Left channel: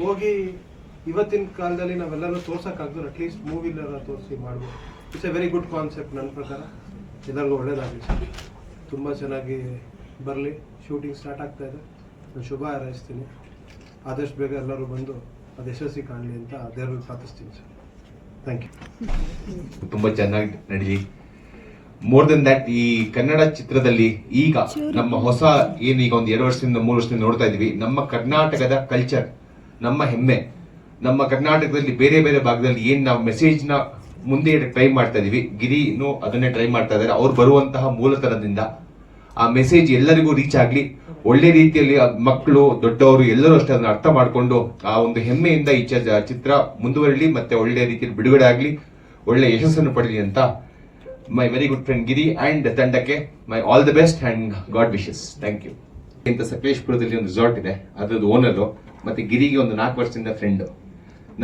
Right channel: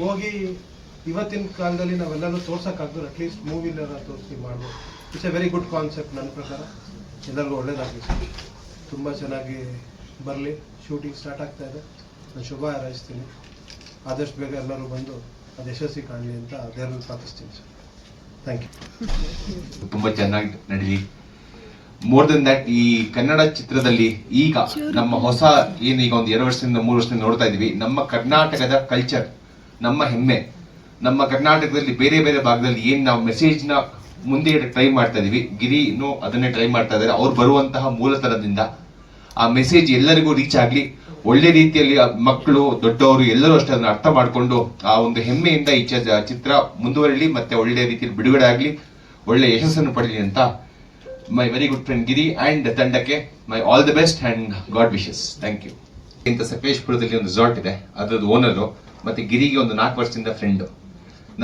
ಹೋಗಿ ಇವತ್ತಿನ ಕಾಲದಲ್ಲಿ ನಾವೆಲ್ಲನೂ ತೋರ್ಸೋಕ್ಕಾಗ್ದು ಅಟ್ಲೀಸ್ಟ್ ಮೂವಿಲೆಲ್ಲ ತೋರಿಸಿ ಮಾಡ್ಬೋದು. It's A very good concept. ನನ್ನ ಪ್ರಕಾರ ಎಲ್ಲರಿಗೂ ಒಳ್ಳೇದಾಗಲಿ ಸರ್. ತುಂಬ ಚೆನ್ನಾಗಿ ಬರಲಿ. ಶೂಟಿಂಗ್ ಸ್ಟಾರ್ಟ್ ಆಗ್ತಾ ಇದೆ. ನಾನು ಶುಭ ಹಾರೈಸ್ತೀನಿ. ಆದಷ್ಟು ಬೇಗ ಎಲ್ಲರೂ ಬಂದು ಅದು ಯಶಸ್ವಿ ಕಾಣಲಿ ಅಂತ ದೇವರಲ್ಲಿ ಪ್ರಾರ್ಥಿಸ್ತೀನಿ ಸರ್. Thank you. ತುಂಬ ಚೆನ್ನಾಗಿ ನಡೀಲಿ. ಮೋರ್ ದೆನ್ ದಟ್, ಈ ಕನ್ನಡ ಚಿತ್ರದಲ್ಲಿ ಈಗ ನಮ್ಮ ಹೊಸ ಏನೀಗ ಒಂದು 2 ವರ್ಷದಿಂದ 3 ವರ್ಷದಿಂದ ನೋಡ್ತಾ ಇದೀವಿ, ನಮ್ಮ ಕರ್ನಾಟಕದ ಕಲ್ಚರ್, ನಮ್ಮ ಹೆಮ್ಮೆ, ನಮ್ಮ ಕರ್ನಾಟಕದಲ್ಲಿ ಬೇರೆ ಬೇರೆ ಭಾಗದಲ್ಲಿ ಏನ್ ನಾವು ಮೆಸೇಜ್ ನ ಮುಂದೆ ಟ್ರೈ ಮಾಡ್ತಾ ಇದೀವಿ, ಗಿರಿನೂ ಅದನ್ನೇ ಟ್ರೈ ಮಾಡ್ತಾ ಇದ್ದಾರೆ. ಅವ್ರು ಬರುವಂತಹ ಮೂಲತನದಿಂದ ಆ ಮೆಸೇಜ್ ಎಲ್ಲರಿಗೂ ರೀಚ್ ಆಗ್ಲಿ, ಒಳ್ಳೆ ರೀತಿಯಲ್ಲಿ ಮಕ್ಕಳು ದೊಡ್ಡವರು ಎಲ್ಲರೂ ಅಷ್ಟೇ ಅದನ್ನ ಅರ್ಥ ಮಾಡಿಕೊಂಡು ಆ ಒಂದು ಹೆಮ್ಮೆಯಿಂದ ಈ ಚಿತ್ರ ಮುಂದುವರಲಿ, ಮತ್ತೆ ಒಳ್ಳೆ ರೀತಿಯಲ್ಲಿ ಬಿಡುಗಡೆ ಆಗ್ಲಿ, ಒಳ್ಳೆ ಯಶಸ್ಸನ್ನು ಪಡಲಿ ಅಂತ my very good friend Giri and ತಂಡಕ್ಕೆ my all the best and god wishes. Thank you. ಇಂತ ಸಕಲೇಶ್ಪುರದಲ್ಲಿ ಒಂದು ರೆಸಾರ್ಟ್ ಇದೆ, ಅದ್ರದ್ದು ಓನರು ಮತ್ತೆ ಗಿರಿಗೆ ಒಂದು 4 ವರ್ಷದಿಂದ ಫ್ರೆಂಡ್.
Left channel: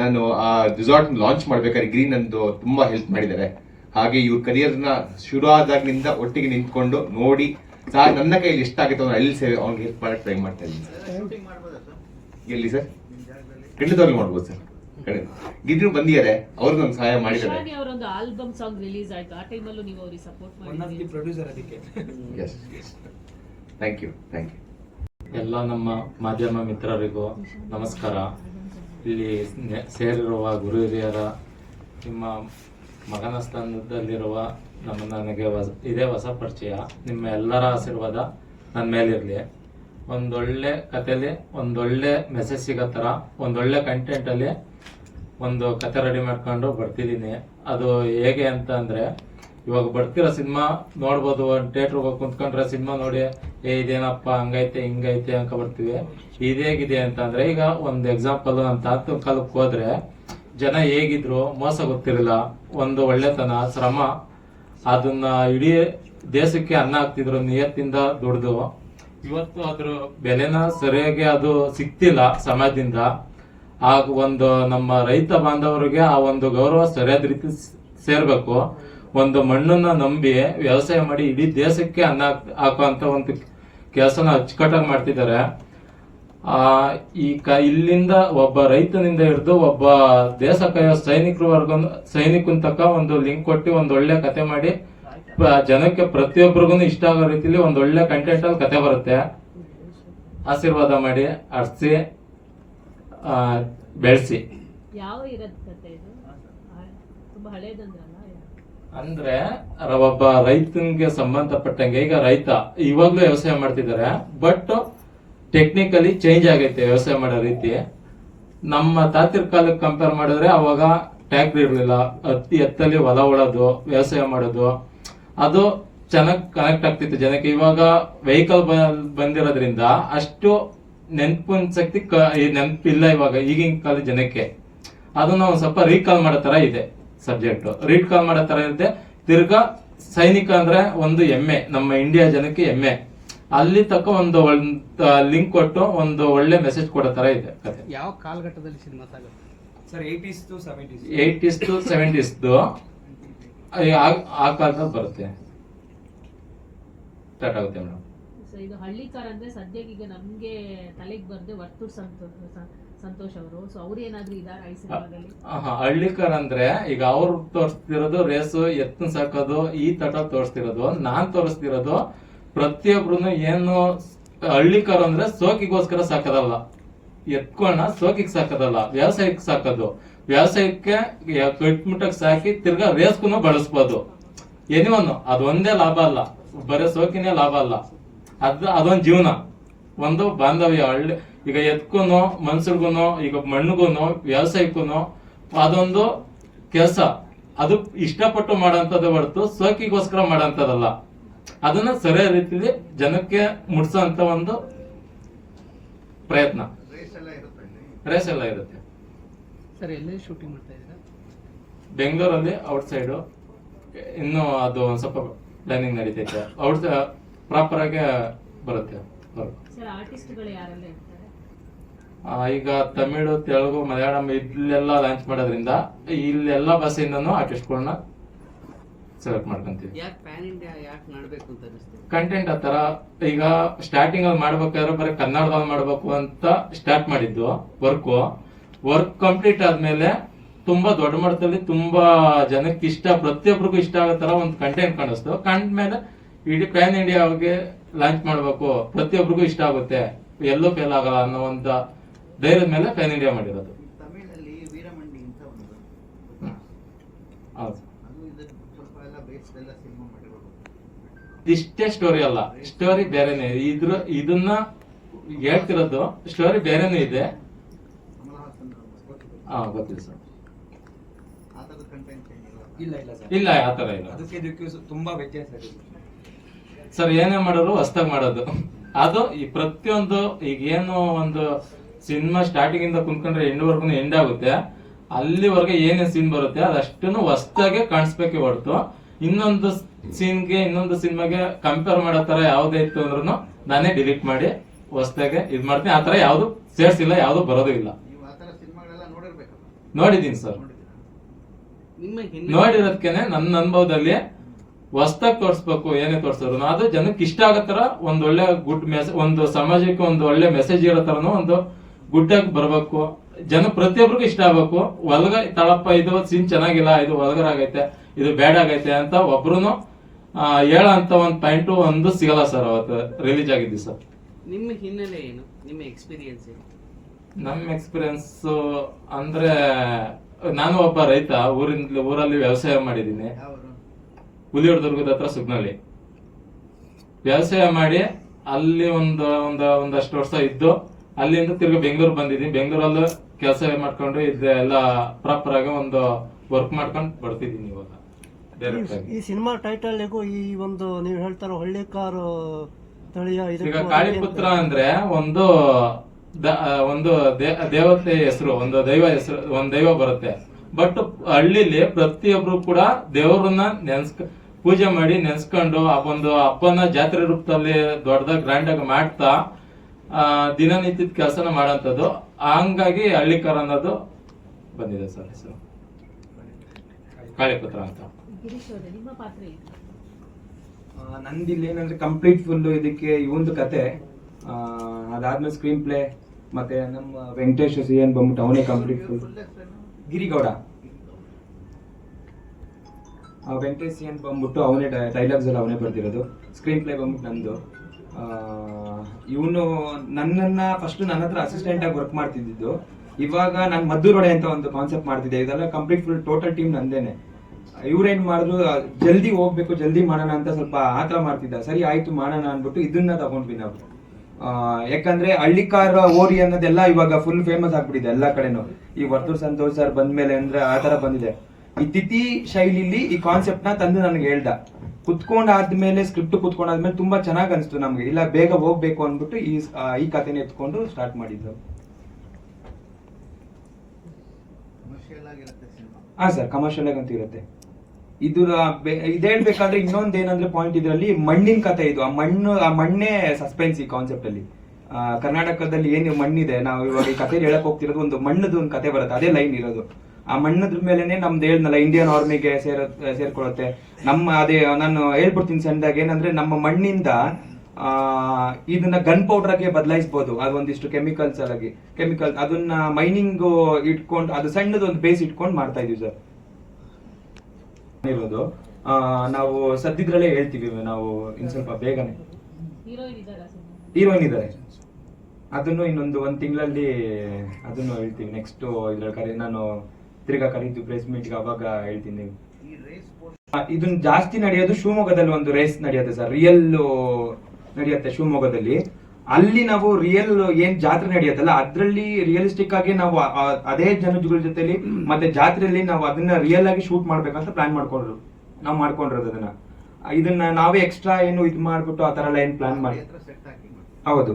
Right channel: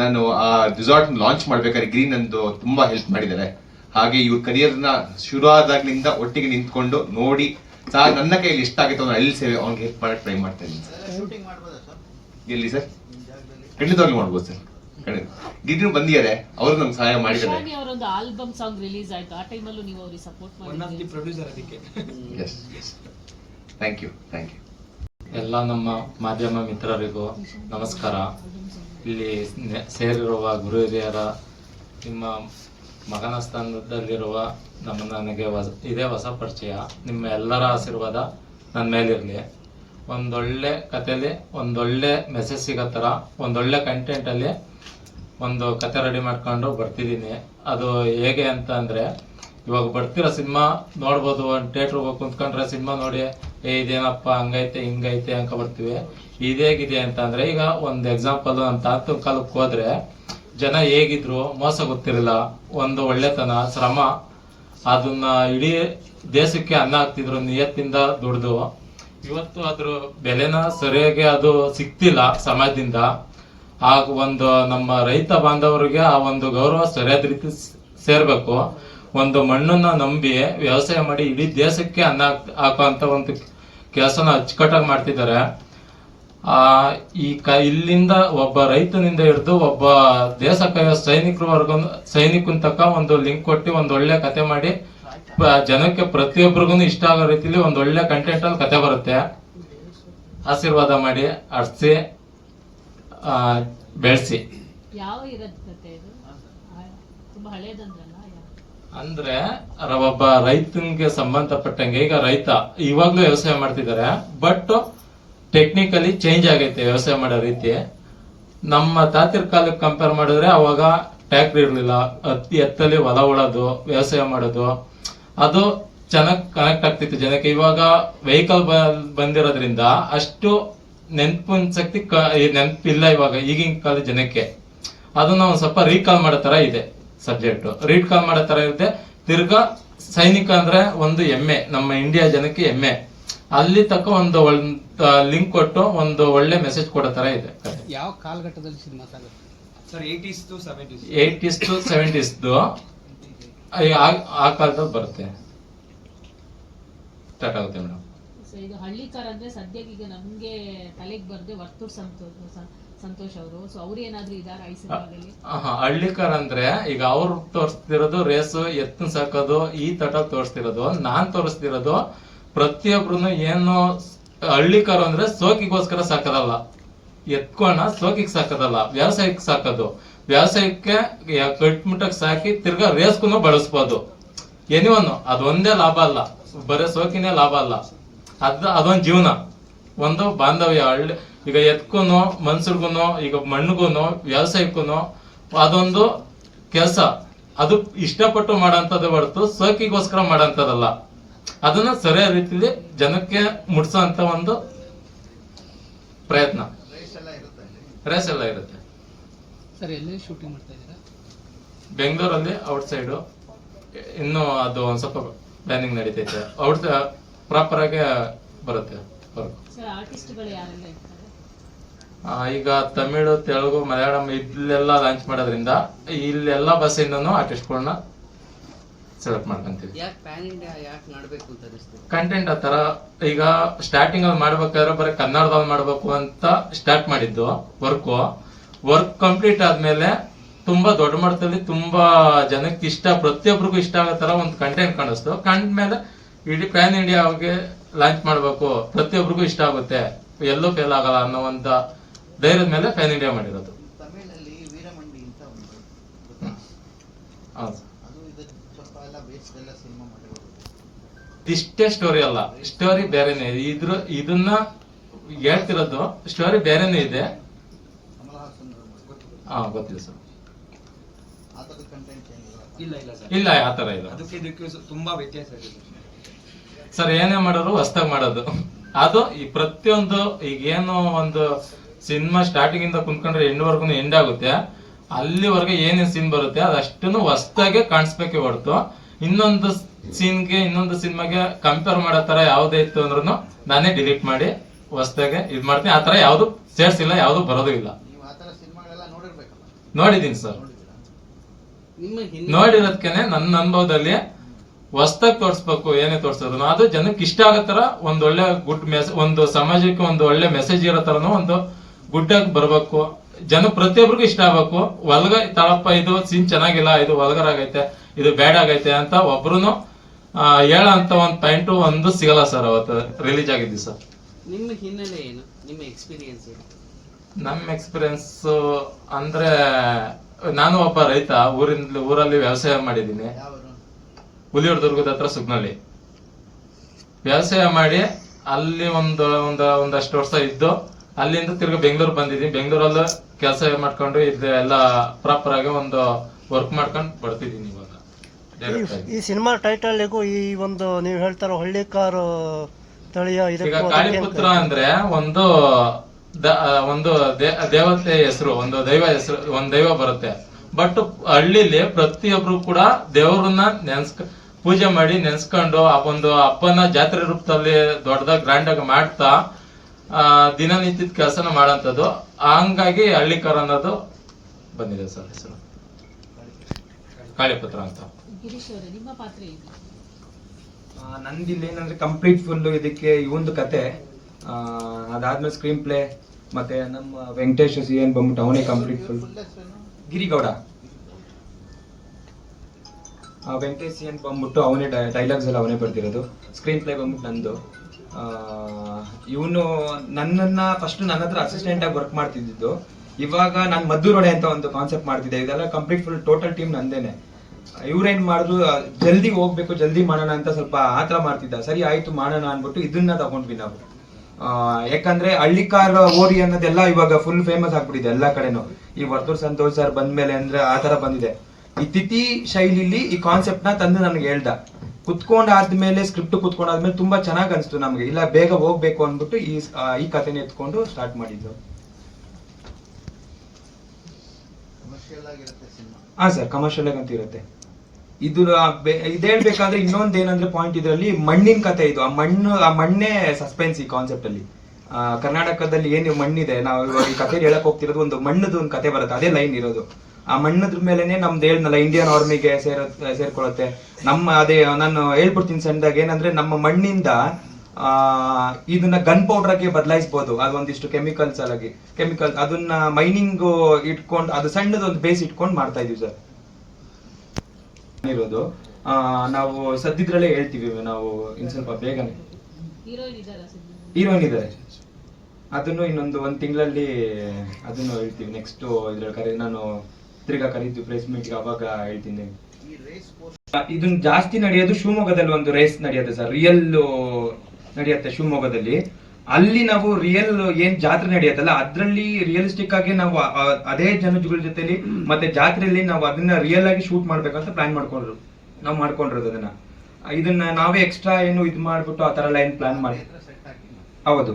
ನಾನು ಆ ರೆಸಾರ್ಟ್ ಲಾಂಚ್ ಮಾಡ್ಬೇಕಾದ್ರೆ ಗಿರಿ ನಂದು ತುಂಬಾ ಹೆಲ್ಪ್ ಮಾಡಿದ್ದಾರೆ. ಹಾಗೆ ಇವ್ರ ಕರಿಯರ್ ನ ಶುರು ಆದಾಗ್ಲಿಂದ ಒಟ್ಟಿಗೆ ನಿಂತ್ಕೊಂಡು ನೋಡಿ ನನ್ನ ಕೈಯಲ್ಲಿ ಇಷ್ಟ ಆಗುತ್ತೆ ಅವ್ನು ಅಲ್ಲಿ ಸೇವೆ ಅವ್ನಿಗೆ ಹೆಲ್ಪ್ ಮಾಡಕ್ಕೆ ಟ್ರೈ ಮಾಡ್ತಾ ಇದ್ದೀನಿ. ಎಲ್ಲಿ ಸರ್? ಖಂಡಿತವಾಗ್ಲೂ ಮಾಡ್ಬೋದು ಸರ್. ಗಿರಿನು ಬಂದಿದ್ದಾರೆ, ಅವರು ನಮ್ಗೆ ಸಹಾಯ ಮಾಡಿದ್ದಾರೆ. ಅವರೊಂದು ಆಲ್ಬಮ್ ಸಾಂಗ್ ರಿಲೀಸ್ ಆಯ್ತು, ಆ ಟೈಮಲ್ಲೂ ನೀವು ಅವರಿಗೆ ಸಪೋರ್ಟ್ ಮಾಡಿ. ಒನ್ ಆಫ್ ದಿ ಪ್ರೊಡ್ಯೂಸರ್ ಅದಕ್ಕೆ. Yes, thank you. ಎಲ್ಲ ನಮ್ಮ ಮಾಧ್ಯಮ ಮಿತ್ರರಿಗೂ ನಮಸ್ಕಾರ. ಇಲ್ಲಿ ಸೇರಿರುವ ಗುರು ಹಿರಿಯರ, ನಿಮ್ಮ ಮಗನ ಸ್ಥಾನದಲ್ಲಿರುವ ನನಗೆ ಇದೇ ಹೊಸ ಪರಿಚಯ. ನಿಮ್ಮ ಎಲ್ಲರ ಆಶೀರ್ವಾದ ನನ್ನ ಮೇಲಿರಲಿ. ಒಂದೊಳ್ಳೆ ಕಥೆಯಲ್ಲಿ ಒಂದೊಳ್ಳೆ ಮೆಸೇಜ್ ಸಿಗೋ ಥರ ಒಂದೊಳ್ಳೆ ಕಂಟೆಂಟಲ್ಲಿ ಒಂದು ಕತೆ ರೆಡಿ ಮಾಡ್ಕೊಂಡು ಬರ್ತಿದ್ದೀನಿ. ಅದು ಹೇಗೆ ಅಂತ ಅಂದರೆ, ಇವಾಗ ಬರ್ತಿರೋ ಸಿನಿಮಾ ನೋಡ್ಬೋದು, ಒಂದು ಥಿಯೇಟ್ರಿಗೆ ಹೋಗಿ ಕುಂತ್ಕೊಂಡ್ರೆ ಸಿನಿಮಾ ನೋಡಿ ಇದೇನಪ್ಪ ಹಂಗೈತೆ ಹಿಂಗೈತೆ ಅಂಕ ಬರ್ತೀವಿ. ಇದೇಗಿದೆ ಅಂತ ಅಂದರೆ, ಈಗ ಒಂದು ಎಕ್ಸಾಂಪಲ್ ನಮ್ಮ ತಾತನ ಕಾಲಕ್ಕೆ ಹೋದ್ರೆ ಜನ ಹೇಗಿದ್ರು, ಮೋಸ ಗೊತ್ತಿರಲಿಲ್ಲ, ಒಂದು ಒಳ್ಳೆತನ, ಶ್ರಮ, ಅದನ್ನ ಇಡೀ ದೇಶಕ್ಕೆ ಅನ್ನ ಹಾಕ್ತಿದ್ರು ನಿಯತ್ತಿಂದ ದುಡ್ದು. ಇವತ್ತು ಅದ್ರ ಬೆಲೆನ ಸರಿಯಾಗಿ ಅದು ಸಿಗ್ತಿಲ್ಲ ಸಮಾಜದಿಂದ. ಆ ಒಂದು ನಮ್ಮ ರೈತ ಬಾಂಧವರಿಗೆ ಆ ಒಂದು ಗೌರವ ಸರಿಯಾದ ರೀತಿ ಸೇರ್ಬೇಕು. ಒಂದು ಮಣ್ಣನ್ನ ನಂಬಿ ವ್ಯವಸಾಯ ಮಾಡಿ ಇಡೀ ದೇಶಕ್ಕೆ ಅನ್ನ ಹಾಕುವಂತ ಒಂದು ಕೆಲಸನ ಅಚ್ಚುಕಟ್ಟಾಗಿ ಮಾಡ್ತಿದ್ದಾರೆ. ಇಲ್ಲಿಂದ ಒಬ್ಬ ರೈತನಿಂದ ಹಿಡಿದು ಒಬ್ಬ ದೇಶ ಕಾಯೋ ಸೈನಿಕನ ತಕ್ಕ ಒಂದು ಲಿಂಕ್ ಕೊಟ್ಟು ಒಂದು ಒಳ್ಳೆ ಕತೆ ಮಾಡಿ ಜನಕ್ಕೆ ಪ್ರತಿಯೊಬ್ಬರಿಗೂ ಇಷ್ಟ ಆಗೋ ರೀತಿಲಿ ಒಂದು ಒಳ್ಳೆ ಕಂಟೆಂಟ್ ಅಲ್ಲಿ ಕತೆ ಬರುತ್ತೆ. ಆಶೀರ್ವಾದ ಮಾಡಿ ಅರ್ಸಿ ಬೆಳೆಸಿ. ಯಾವ ಕತೆ ಇದು? ತುಂಬಾ ಹಳೇದಂದ್ರಲ್ಲ. ಅಂದ್ರೆ ಒಬ್ಬ ರೈತನಿಗೆ ಸಂಬಂಧಪಟ್ಟಂಗೆ, ಈಗ ರೈತ ಇವಾಗ್ಲೂ ವ್ಯವಸಾಯ ಮಾಡ್ತಿದ್ದಾರೆ, ಬಟ್ ಟೆಕ್ನಿಕಲಿ ಚೇಂಜ್ ಆಗೈತೆ ವ್ಯವಸಾಯ ಮಾಡೋ ರೀತಿ. ನಮ್ಮ ತಾತಿರ ಕಾಲಕ್ಕೆ ಕಂಪೇರ್ ಮಾಡಿದ್ರೆ ಅವಾಗ ಟ್ರ್ಯಾಕ್ಟರ್ ಇರ್ಲಿಲ್ಲ, ಎತ್ತಲ್ಲಿ ಹೊಲ ಉಳೋದು, ವ್ಯವಸಾಯ ಮಾಡೋದು, ಅದು ಚೆನ್ನಾಗಿ ಕನೆಕ್ಟ್ ಆಗ್ತಿತ್ತು ಜನಕ್ಕೆ. ಇವಾಗ ವೆಹಿಕಲ್ ಬಂದಿರೋದ್ರಿಂದ ಅಷ್ಟು ನೆನಪಿನ ಶಕ್ತಿ ನೆನಪಿಲ್ಲ ಇವಾಗ ಈಗಿನ ಕಾಲದ ಜನಕ್ಕೆ. ಅದನ್ನ ಒಂದು ಸ್ವಲ್ಪ ರೀಕಾಲ್ ಮಾಡೋ ತರ ಇದೆ ಸಬ್ಜೆಕ್ಟ್. ರೀಕಾಲ್ ಮಾಡೋ ತರ ಇರುತ್ತೆ. ತಿರ್ಗಾ ಸೈನಿಕ ಅಂದ್ರೆ ಒಂದು ಹೆಮ್ಮೆ, ನಮ್ಮ ಇಂಡಿಯಾ ಜನಕ್ಕೆ ಹೆಮ್ಮೆ. ಅಲ್ಲಿ ತಕ್ಕ ಒಂದು ಲಿಂಕ್ ಕೊಟ್ಟು ಒಂದು ಒಳ್ಳೆ ಮೆಸೇಜ್ ಕೊಡೋ ತರ ಇದೆ. ಯಾವ ಕಾಲಘಟ್ಟದಲ್ಲಿ cinema sir? 80s to 70s. 80s to 70s ಆ ಕಾಲದಲ್ಲಿ ಬರುತ್ತೆ, ಸ್ಟಾರ್ಟ್ ಆಗುತ್ತೆ ಮೇಡಮ್. ಇದು ಹಳ್ಳಿಕಾರ ಅಂದ್ರೆ ಸದ್ಯಕ್ಕೆ ಈಗ ನಮ್ಗೆ ತಲೆಗೆ ಬರ್ದೆ ವರ್ತೂರ್ ಸಂತೋಷ್ ಅವರು. ಸೊ ಅವ್ರು ಏನಾದ್ರು ಇದಾರ ಈ ಸಿನಿಮಾದಲ್ಲಿ? ಹಳ್ಳಿಕಾರ ಅಂದ್ರೆ ಈಗ ಅವ್ರು ತೋರಿಸ್ತಿರೋದು ರೇಸು, ಎತ್ತನ್ ಸಾಕೋದು, ಈ ತಟ ತೋರಿಸ್ತಿರೋದು. ನಾನ್ ತೋರಿಸ್ತಿರೋದು ಪ್ರತಿಯೊಬ್ರು ಏನು ಹಳ್ಳಿಕಾರ ಅಂದ್ರೆ ಸೋಕಿಗೋಸ್ಕರ ಸಾಕೋದಲ್ಲ, ಎತ್ಕೋಣ ಸೋಕಿಗೆ ಸಾಕೋದಲ್ಲ, ವ್ಯವಸಾಯಕ್ಕೆ ಸಾಕೋದು. ವ್ಯವಸಾಯಕ್ಕೆ ಕಟ್ಮುಟ್ಟಕ್ಕೆ ಸಾಕಿ ತಿರ್ಗಾ ರೇಸ್ಗೂ ಬಳಸ್ಬೋದು. ಎನಿವನ್ ಅದೊಂದೇ ಲಾಭ ಅಲ್ಲ, ಬರೀ ಸೋಕಿನೇ ಲಾಭ ಅಲ್ಲ, ಅದೊಂದು ಜೀವನ, ಒಂದು ಬಾಂಧವ್ಯ. ಈಗ ಎತ್ಕೂನು ಮನ್ಸರ್ಗುನು, ಈಗ ಮಣ್ಣಿಗೂನು ವ್ಯವಸಾಯಕ್ಕೂನು ಅದೊಂದು ಕೆಲಸ. ಅದು ಇಷ್ಟಪಟ್ಟು ಮಾಡೋಂಥದ್ದು ಹೊರತು ಸೋಕಿಗೋಸ್ಕರ ಮಾಡೋಂಥದ್ದಲ್ಲ. ಅದನ್ನ ಸರಿಯಾದ ರೀತಿಯಲ್ಲಿ ಜನಕ್ಕೆ ಮುಟ್ಸೋ ಅಂತ ಒಂದು ಪ್ರಯತ್ನ. ರೇಸ್ ಎಲ್ಲ ಇರುತ್ತೆ ಸರ್. ಎಲ್ಲಿ ಶೂಟಿಂಗ್ ಮಾಡ್ತಾ ಇದ್ದೀರಾ? ಬೆಂಗಳೂರಲ್ಲಿ ಔಟ್ ಸೈಡು. ಇನ್ನು ಅದು ಒಂದ್ ಸ್ವಲ್ಪ ಪ್ಲಾನಿಂಗ್ ನಡೀತೈತೆ. ಔಟ್ ಪ್ರಾಪರ್ ಆಗಿ ಬರುತ್ತೆ. ಈಗ ತಮಿಳು, ತೆಲುಗು, ಮಲಯಾಳಂ ಇಲ್ಲೆಲ್ಲ ಲಾಂಚ್ ಮಾಡೋದ್ರಿಂದ ಇಲ್ಲೆಲ್ಲ ಭಾಷೆಯಿಂದನೂ ಆರ್ಟಿಸ್ಟ್ಗಳನ್ನ ಸೆಲೆಕ್ಟ್ ಮಾಡ್ಕೊಂತೀವಿ. ಯಾಕೆ ಪ್ಯಾನ್ ಇಂಡಿಯಾ ಯಾಕೆ ಮಾಡಬೇಕು ಅಂತ ಅನಿಸ್ತದೆ? ಕಂಟೆಂಟ್ ಆ ತರ ಈಗ ಸ್ಟಾರ್ಟಿಂಗ್ ಅಲ್ಲಿ ಮಾಡ್ಬೇಕಾದ್ರೆ ಬರೀ ಕನ್ನಡದಲ್ಲಿ ಮಾಡ್ಬೇಕು ಅಂತ ಸ್ಟಾರ್ಟ್ ಮಾಡಿದ್ದು ವರ್ಕ್ ಕಂಪ್ಲೀಟ್ ಆದ್ಮೇಲೆ ತುಂಬಾ ದೊಡ್ಡ ಮಟ್ಟದಲ್ಲಿ ತುಂಬಾ ಜನಕ್ಕೆ ಇಷ್ಟ, ಪ್ರತಿಯೊಬ್ಬರಿಗೂ ಇಷ್ಟ ಆಗೋ ತರ ಒಂದು ಕಂಟೆಂಟ್ ಕಾಣಿಸ್ತು. ಕಂಡ್ಮೇಲೆ ಇಡೀ ಪ್ಯಾನ್ ಇಂಡಿಯಾಗೆ ಲಾಂಚ್ ಮಾಡ್ಬೇಕು, ಪ್ರತಿಯೊಬ್ಬರಿಗೂ ಇಷ್ಟ ಆಗುತ್ತೆ, ಎಲ್ಲೂ ಫೇಲ್ ಆಗಲ್ಲ ಅನ್ನೋ ಒಂದು ಧೈರ್ಯದ ಮೇಲೆ ಪ್ಯಾನ್ ಇಂಡಿಯಾ ಮಾಡಿರೋದು. ತಮಿಳಲ್ಲಿ ವೀರಮಂಡಿ ಅಂತ ಒಂದು ಹೌದು. ಅದು ಇದನ್ನ ಸ್ವಲ್ಪ ಎಲ್ಲ ಬೇಸ್ಡ್ ಎಲ್ಲ ಸಿನಿಮಾ ಮಾಡಿರೋದು. ಇಷ್ಟೇ ಸ್ಟೋರಿ ಅಲ್ಲ, ಸ್ಟೋರಿ ಬೇರೆನೆ. ಇದನ್ನ ಹೇಳ್ತಿರೋದು ಸ್ಟೋರಿ ಬೇರೆನೆ ಇದೆ. ಕಮಲ್ ಹಾಸನ್ ಗೊತ್ತಿದೆ ಸರ್. ಆ ಥರದ ಕಂಟೆಂಟ್ ಏನಿಲ್ಲ. ಇಲ್ಲ ಸರ್, ಇಲ್ಲ ಆ ತರ ಇಲ್ಲ ಅದಕ್ಕೆ ಇದಕ್ಕೆ ತುಂಬಾ ವ್ಯತ್ಯಾಸ ಇದೆ ಸರ್. ಏನೇ ಮಾಡೋರು ಹೊಸ್ದಾಗಿ ಮಾಡೋದು. ಅದು ಈ ಪ್ರತಿಯೊಂದು ಈಗೇನು ಒಂದು ಸಿನಿಮಾ ಸ್ಟಾರ್ಟಿಂಗ್ ಇಂದ ಕುಂತ್ಕೊಂಡ್ರೆ ಎಂಡ್ವರೆಗೂ ಎಂಡ್ ಆಗುತ್ತೆ, ಅಲ್ಲಿವರೆಗೆ ಏನೇನ್ ಸೀನ್ ಬರುತ್ತೆ ಅದಷ್ಟನ್ನು ಹೊಸ್ದಾಗೆ ಕಾಣಿಸ್ಬೇಕೆ ಹೊರತು ಇನ್ನೊಂದು ಸೀನ್ಗೆ ಇನ್ನೊಂದು ಸಿನಿಮಾಗೆ ಕಂಪೇರ್ ಮಾಡೋ ತರ ಯಾವ್ದೇ ಇತ್ತು ಅಂದ್ರೂ ನಾನೇ ಡಿಲೀಟ್ ಮಾಡಿ ಹೊಸ್ದಾಗೆ ಇದ್ ಮಾಡ್ತೀನಿ. ಆ ತರ ಯಾವ್ದು ಸೇರ್ಸಿಲ್ಲ, ಯಾವ್ದು ಬರೋದು ಇಲ್ಲ. ನೀವು ಆ ಥರ ಸಿನಿಮಾಗಳೆಲ್ಲ ನೋಡಿರ್ಬೇಕಲ್ಲ. ನೋಡಿದೀನಿ ಸರ್. ನಿಮ್ಮ ನೋಡಿರೋದಕ್ಕೇನೆ ನನ್ನ ಅನುಭವದಲ್ಲಿ ಹೊಸ್ದಾಗಿ ತೋರಿಸ್ಬೇಕು, ಏನೇ ತೋರಿಸೋದು ಅದು ಜನಕ್ಕೆ ಇಷ್ಟ ಆಗೋ ತರ ಒಂದ್ ಒಳ್ಳೆ ಗುಡ್ ಮೆಸೇಜ್, ಒಂದು ಸಮಾಜಕ್ಕೆ ಒಂದು ಒಳ್ಳೆ ಮೆಸೇಜ್ ಇರೋ ತರನು ಒಂದು ಗುಡ್ ಆಗಿ ಬರ್ಬೇಕು, ಜನ ಪ್ರತಿಯೊಬ್ಬರಿಗೂ ಇಷ್ಟ ಆಗ್ಬೇಕು. ತಳಪ್ಪ ಇದು ಸೀನ್ ಚೆನ್ನಾಗಿಲ್ಲ, ಇದು ವಲ್ಗರ್ ಆಗೈತೆ, ಇದು ಬ್ಯಾಡ್ ಆಗೈತೆ ಅಂತ ಒಬ್ರುನು ಹೇಳೋ ಅಂತ ಒಂದು ಪಾಯಿಂಟ್ ಒಂದು ಸಿಗಲ್ಲ ಸರ್. ಅವತ್ತು ರಿಲೀಸ್ ಆಗಿದ್ವಿ ಸರ್. ನಿಮ್ಮ ಹಿನ್ನೆಲೆ ಏನು, ನಿಮ್ಮ ಎಕ್ಸ್ಪೀರಿಯನ್ಸ್ ಏನು? ನಮ್ಮ ಎಕ್ಸ್ಪೀರಿಯನ್ಸ್ ಅಂದ್ರೆ ನಾನು ಒಬ್ಬ ರೈತ, ಊರಲ್ಲಿ ವ್ಯವಸಾಯ ಮಾಡಿದ್ದೀನಿ. ಯಾವರು ಹುಲಿಯೂರು ಹತ್ರ ಸುಗ್ನಳ್ಳಿ ವ್ಯವಸಾಯ ಮಾಡಿ ಅಲ್ಲಿ ಒಂದಷ್ಟು ವರ್ಷ ಇದ್ದು ಅಲ್ಲಿಂದ ತಿರ್ಗಿ ಬೆಂಗಳೂರು ಬಂದಿದ್ದೀನಿ. ಬೆಂಗಳೂರಲ್ಲಿ ಕೆಲಸ ಮಾಡ್ಕೊಂಡು ಇದು ಎಲ್ಲ ಪ್ರಾಪರ್ ಆಗಿ ಒಂದು ವರ್ಕ್ ಮಾಡ್ಕೊಂಡು ಬರ್ತಿದ್ದೀನಿ ಇವಾಗ ಡೈರೆಕ್ಟ್ ಆಗಿ. ಈ ಸಿನಿಮಾ ಟೈಟಲ್ಗೂ ಈ ಒಂದು ನೀವು ಹೇಳ್ತಾರ ಹಳ್ಳಿಕಾರ್ ತಳಿಯ ಈಗ ಕಾಳಿಪುತ್ರ ಅಂದ್ರೆ ಒಂದು ದೇವತೆ ಹೆಸರು, ಒಂದು ದೈವ ಹೆಸರು, ಒಂದು ದೈವ ಬರುತ್ತೆ. ಬಟ್ ಹಳ್ಳಿಲಿ ಪ್ರತಿಯೊಬ್ರು ಕೂಡ ದೇವರನ್ನ ಪೂಜೆ ಮಾಡಿ ನೆನ್ಸ್ಕೊಂಡು ಆ ಒಂದು ಹಬ್ಬನ ಜಾತ್ರೆ ರೂಪದಲ್ಲಿ ದೊಡ್ಡದಾಗಿ ಗ್ರ್ಯಾಂಡ್ ಆಗಿ ಮಾಡ್ತಾ ದಿನನಿತ್ಯದ ಕೆಲಸನ ಮಾಡೋಂಥದ್ದು. ಹಂಗಾಗಿ ಹಳ್ಳಿಕಾರ ಅನ್ನೋದು ಬಂದಿದೆ ಸರ್ ಹೆಸರು, ಕಾಳಿಪುತ್ರ ಅಂತ. ಗಿರೀಶ್ ಅವರೇ, ನಿಮ್ಮ ಪಾತ್ರ ಏನು? ನಂದಿಲ್ಲಿ ಏನಂದ್ರೆ ಕಂಪ್ಲೀಟ್ ಫುಲ್ ಇದಕ್ಕೆ ಈ ಒಂದು ಕತೆ, ಅದಾದ್ಮೇಲೆ ಸ್ಕ್ರೀನ್ ಪ್ಲೇ, ಮತ್ತೆ ನಮ್ಮ ವೆಂಕಟೇಶ್ CN ಬಂದ್ಬಿಟ್ಟು ಅವನೇ complete full. Girigowda Venkatesh CN ಬಂದ್ಬಿಟ್ಟು ಅವನೇ ಡೈಲಾಗ್ಸ್ ಎಲ್ಲ ಅವನೇ ಬರ್ದಿರೋದು. ಸ್ಕ್ರೀನ್ ಪ್ಲೇ ಬಂದ್ಬಿಟ್ಟು ನಂದು. ಇವನು ನನ್ನನ್ನ ಫಸ್ಟ್ ನನ್ನ ಹತ್ರ ಅಸಿಸ್ಟೆಂಟ್ ಆಗಿ ವರ್ಕ್ ಮಾಡ್ತಿದ್ದು. ಇವಾಗ ನಾನು ಮದ್ದೂರೊಡೆ ಅಂತ ಒಂದು ಕಾನ್ಸೆಪ್ಟ್ ಮಾಡ್ತಿದ್ದೆ. ಇದೆಲ್ಲ ಕಂಪ್ಲೀಟ್ ಫುಲ್ ಟೋಟಲ್ ಟೀಮ್ ನಂದೇನೆ. ಇವ್ರೇನ್ ಮಾಡಿದ್ರು, ಜಲ್ದಿ ಹೋಗ್ಬೇಕು, ಜಲ್ದಿ ಮಾಡೋಣ ಅಂತ ಸ್ವಲ್ಪ ಆತರ ಮಾಡ್ತಿದ್ದ. ಸರಿ ಆಯ್ತು ಮಾಡೋಣ ಅನ್ಬಿಟ್ಟು ಇದನ್ನ ತಗೊಂಡ್ವಿ ನಾವು. ಯಾಕಂದ್ರೆ ಹಳ್ಳಿಕಾರ ಓರಿ ಅನ್ನೋದೆಲ್ಲ ಇವಾಗ ಫುಲ್ ಫೇಮಸ್ ಆಗ್ಬಿಟ್ಟಿದೆ ಎಲ್ಲ ಕಡೆನು. ಈ ವರ್ತೂರ್ ಸಂತೋಷ್ ಸರ್ ಬಂದ್ಮೇಲೆ ಅಂದ್ರೆ ಆತರ ಬಂದಿದೆ. ಈ ತಿಥಿ ಶೈಲಿಲಿ ಈ ಕಾನ್ಸೆಪ್ಟ್ ನ ತಂದು ನನಗೆ ಹೇಳ್ದ. ಕುತ್ಕೊಂಡಾದ್ಮೇಲೆ ಸ್ಕ್ರಿಪ್ಟ್ ಕುತ್ಕೊಂಡಾದ್ಮೇಲೆ ತುಂಬಾ ಚೆನ್ನಾಗ್ ಅನ್ಸ್ತು ನಮ್ಗೆ. ಇಲ್ಲ ಬೇಗ ಹೋಗ್ಬೇಕು ಅಂದ್ಬಿಟ್ಟು ಈ ಕಥೆನ ಎತ್ಕೊಂಡು ಸ್ಟಾರ್ಟ್ ಮಾಡಿದ್ದು. ಕಮರ್ಷಿಯಲ್ ಆಗಿರುತ್ತೆ ಸಿನಿಮಾ. ಹಾ ಸರ್, ಕಮರ್ಷಿಯಲ್ ಆಗಂತ ಇರುತ್ತೆ. ಇದು ಇದು ಹೇಳ್ಬೇಕಾದ್ರೆ ಇನ್ನೊಂದ್ ಏನಂದ್ರೆ ಪಾಯಿಂಟ್, ಇದರಲ್ಲಿ ಮಣ್ಣಿನ ಕತೆ ಇದು. ಆ ಮಣ್ಣೇ ಸಸ್ಪೆನ್ಸ್ ಈ ಕಾನ್ಸೆಪ್ಟ್ ಅಲ್ಲಿ. ಕರ್ನಾಟಕದಲ್ಲಿ ಏನು ಮಣ್ಣಿದೆ, ನಾವು ಇವಾಗ ಈ ಕಥೆಯಲ್ಲಿ ಹೇಳಕ್ ಹೋಗ್ತಿರೋದು ಒಂದು ಮಣ್ಣದು ಒಂದು ಕತೆ ಬರುತ್ತೆ, ಅದೇ ಲೈನ್ ಇರೋದು. ಆ ಮಣ್ಣದ್ರ ಮೇಲೆನೆ ನಮ್ದು ಹೇಳ್ನಲ್ಲ ಇಂಡಿಯನ್ ಆರ್ಮಿಗೆ ಸೇರ್ಕೊಳ್ಳುತ್ತೆ. ಅದೇ ನಾನು ಹೇಳ್ಬಿಡ್ತೀನಿ ಸಣ್ಣದಾಗ, ಏನಂದ್ರೆ ನಮ್ಮ ಮಣ್ಣಿಂದ ಇದನ್ನ ಗನ್ ಪೌಡರ್ ಆಗಿ ಬದಲಾಯಿಸಬಹುದು. ಅದೊಂದಿಷ್ಟು ಕೆಮಿಕಲ್ಸ್ ಅದನ್ನ ಮೈನಿಂಗ್ ಇಟ್ಕೊಂಡು ಅದು ಸಣ್ಣದೊಂದು ಬೇಸ್ ಇಟ್ಕೊಂಡು ಮಾಡ್ತಾ ಇದೀವಿ ಸರ್ ಇರೋದು. ನಾವು ಸದ್ದಿದ್ರಲ್ಲೇ ಹೇಳ್ತೀವಿ ನಾವು ಇನ್ ಸ್ವಲ್ಪ ಬೇಗನೆ. ಹೀರೋಯಿನ್ ಇದ್ದಾರೆ, ಅದನ್ನು ಇನ್ನೊಂದು 1 ತಿಂಗಳಲ್ಲಿ ಅದನ್ನು ಹೇಳ್ತೀವಿ. ನೆಕ್ಸ್ಟ್ ಇದ್ರಲ್ಲಿ ನಾನು ತಿರ್ಗಾ ಕರೀತೀವಿ ಪ್ರೆಸ್ ಮೀಟ್ಗೆ, ಅವಾಗ ಹೇಳ್ತೀನಿ. ಇದನ್ನ ಜಾಸ್ತಿ ನಡೆಯೋದು ಶಿವಮೊಗ್ಗದಲ್ಲಿ ಒಂದು ರೇಸ್ ನಡೆಯುತ್ತೆ ಸರ್, ರಿಯಲ್ ನಡೆಯುತ್ತೆ ಶಿವಮೊಗ್ಗದಲ್ಲಿ. ಅಲ್ಲಿ ನಾವು ರಿಯಲ್ ಏನ್ ಜಾತ್ರೆ ನಡೆಯುತ್ತಲ್ಲ ಅದ್ರಲ್ಲಿ ರಿಯಲಿಸ್ಟಿಕ್ ಆಗಿ ನಾವು ಅದೇ ಜನಗಳ ಜೊತೆಲಿ ಮತ್ತೆ ಜಾತ್ರೆಯಲ್ಲಿ ನಾವು ಅದನ್ನ ರಿಯಲ್ ಆಗಿ ಶೂಟ್ ಮಾಡ್ಬೇಕಂತ ಪ್ಲಾನ್ ಮಾಡ್ಕೊಂಡಿರೋದು ಅದನ್ನ. ಇದನ್ನ ನಾವೇ ಎಕ್ಸ್ಟ್ರಾ ಏನು ಇದು ಮಾಡ್ಬಿಟ್ಟು ಆ ತರ ಎಲ್ಲ ಏನ್ ಪ್ಲಾನ್ ಮಾಡಿ. ಹೌದು.